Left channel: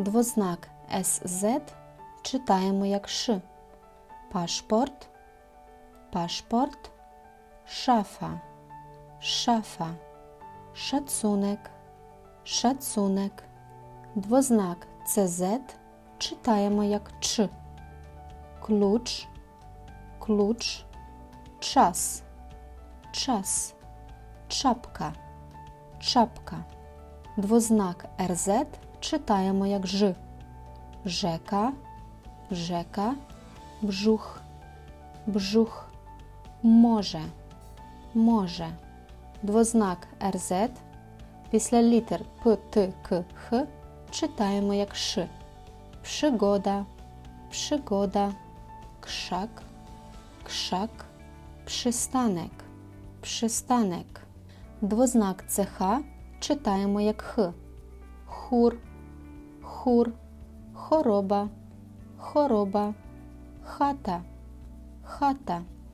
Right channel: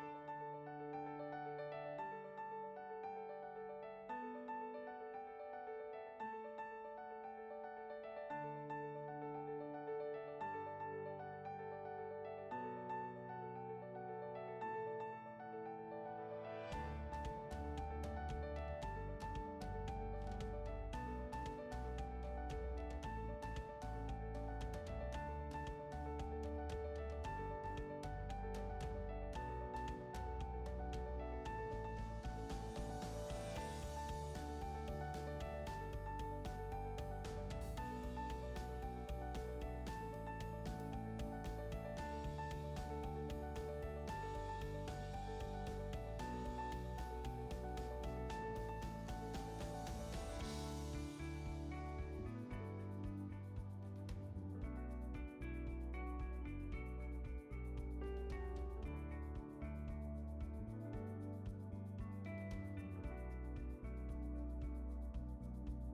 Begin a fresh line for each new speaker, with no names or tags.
Двознак СЗ читаємо як Ш. Пашпорт, пашпорт, шафа, шафа, шацунек, шацунек. Двознак ЦЗ читаємо як Ч. Ключ, ключ, час, час, чапка, чапка. Двознак РЗ читаємо як Ж. Жека, жека, бжух, бжух, може, може. Двознак РЗ після літер П, Т, К, Х читаємо як Ш. Przygoda, przygoda, krzak, krzak, przystanek, przystanek. Двознак ЦХ читаємо як Х. Хур, хур, хороба, хороба, хата, хата.